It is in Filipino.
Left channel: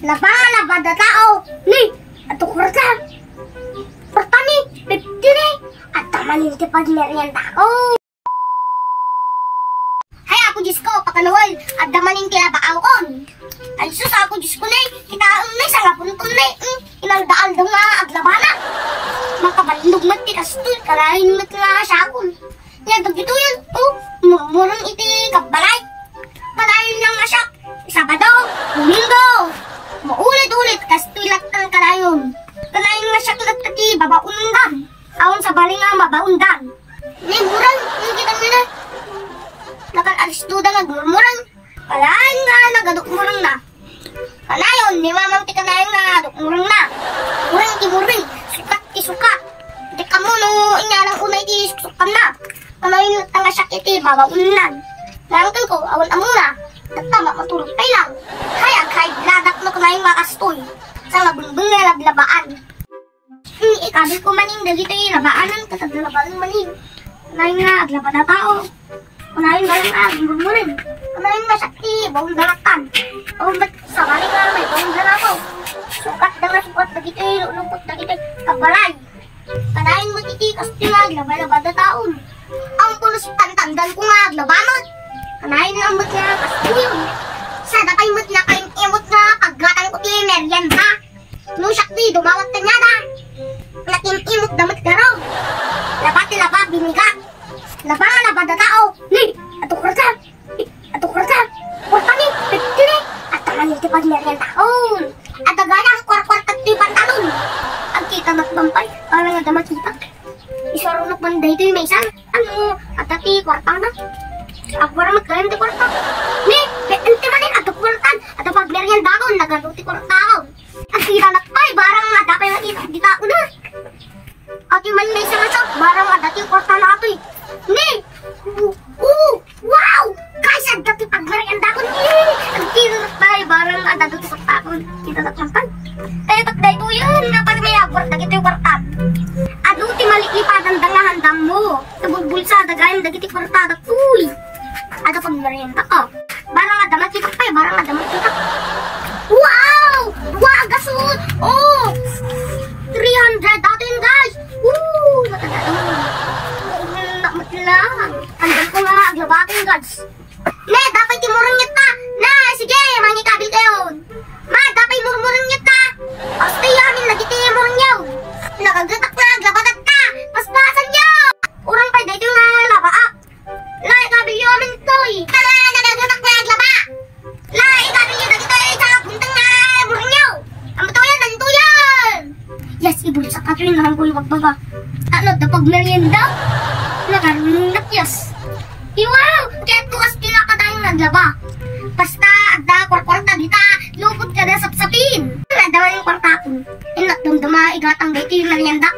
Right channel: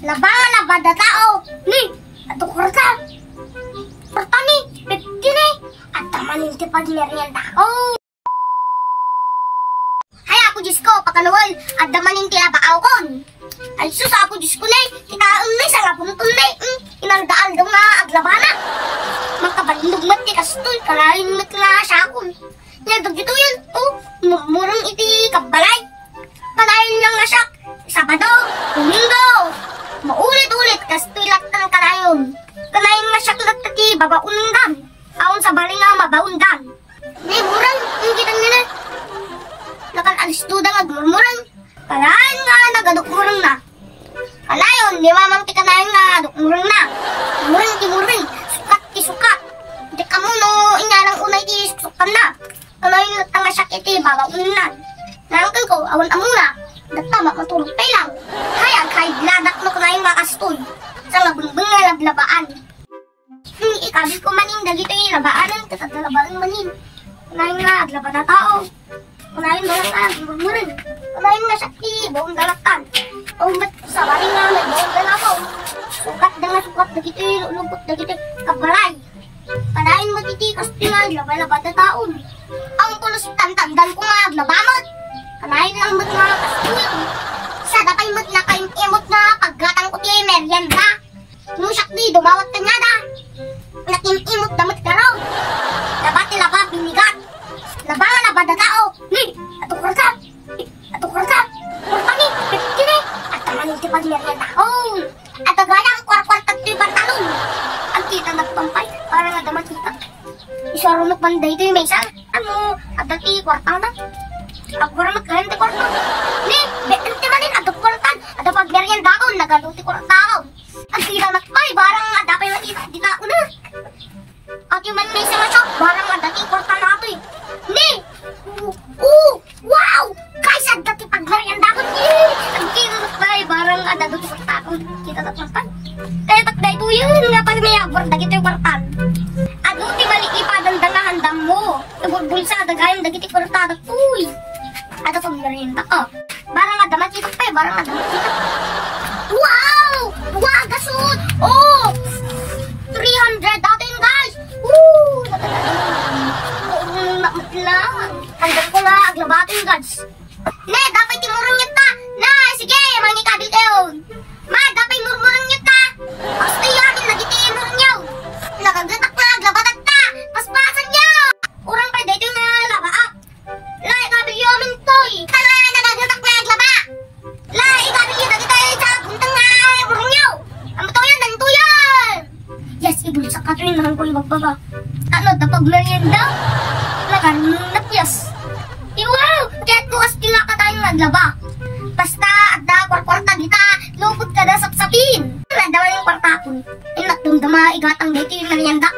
Labangan na bada tao. Ni, ato kurta. Kurta ni, 50 ni. At tamanin ti pagmerienda ko. Hay ako Diyos ko, pakanuhol. At damanin ti labaaw kon. Ay sus ako Diyos ko ni. Itaon ni, sa lapuntun ni. Inaldaan daw nga aglabana. Makabalindog mat ti kastoy. Kalahin mat nga syakon. Nga dagito yun. Murmurang iti kabalay. Panayin lang nga siya. Sabado, Domingo. Maulit-ulit kastoy latang kanayon. Kanayin nga siya latati babaundan. Aon sa bali nga mabaundan. Ni murang, yung kita nyo na. Lakan alis duda nga murmurang. Kalahin nga nagadukmurang na. Kanayon, di mamang ti kanayon nga dukmurang na. Murang ti murang, sukat ti sukat. Di ka mo no, inyanang unay ti sukan na. Kanayon latang nga siya iti babaundan. Nangkal ko, awan amuna. Datama matulog tayo lang. Kaya kahit ladak na kunayin makastoy. Sa labumbing na laglabaan. Ikabil ko maning dagito yung labaanan. Kataglalabaan maning. Kunayin nga aglaba na tao. Kunayin malang agmurmurin. Kunayin nga sakti, bawang galatan. O ba't sa maling nga may bawang galataw. Sukat na nga sukat dagito yung ulupot dagito yung kabalay. Panayin mo titikas nga aglaba-laba na taon. Ang kulusitan tandal ko nga aglabanot. Kanayin lang mo't nga kastoy. Sa dapay mo't na kaimot nga paggatang ko ti merienda. Nusak di, dumawat ka niya da. Nakimimot na mo't garaw. Laba ti laba, binigat. Laba nga laba da tao. Ni, ato kurta. Ato kurta. Kurta ni, 50 ni. At tangan iti pagmerienda. At agana ang kwar-kwartat ti pantalon. Ang kita nagpampay, parang nga damat kita. Isarunok man dahito yung maysan. Ano, at dati kwarta na. Ako para magkaroon di kwarta. Ni, ente manin ato kwartan. Ato pagmerienda ko, nagaluti kwarta ko. Ang sira nakpay, barang nga dapay na di tao na. At yung man may sarasok, barang nga dati kwarta na ato eh. Ni, wow! Kaysa dati pagmerienda ko. Ang kita nakpay, barang nga dati kwarta ko. Kita nakpay. Kaya takday ko yun nga pag may agwar dagito yung kwartan. Ano ti malikipadan nga handang mo. Nabugbulsa, dagayan dagiti kwarta. Uy! Ada pagmerienda ka. Barang nga damat kita pa eh. Barang nga damat kita. Wow! Wow, gasol! 300 datin guys! Woo! Nakatalain. Hanggang ko nga aglabatin guys. Ne, dapat timurong niya ta. Na, sige, mangikabil kayo. Ma, dapat murmurong niya ta. Basta yan, nagitimurong niyo. Nakagatak na, aglabatat ta. Paspasan niyo. Urang pa, dito nga labaa. La, ikabil yung amin to eh. Nagagatak na aglaba. La, ikabil yung dagito yung isa. Puntang na, murong niyo. Ang to yan, nanto yan. Yes, ibulsa ka rin lang ko yung magbaba. Ano, dapag merienda? Nakanunak, yes. Wow! Kaya ko as tinakatayong naglaba. Basta, ada, kwarta dita. Lupot ka na sapsapin. Nadawa yung kwarta ko. Inat, dumdama, igatang dito yung merienda.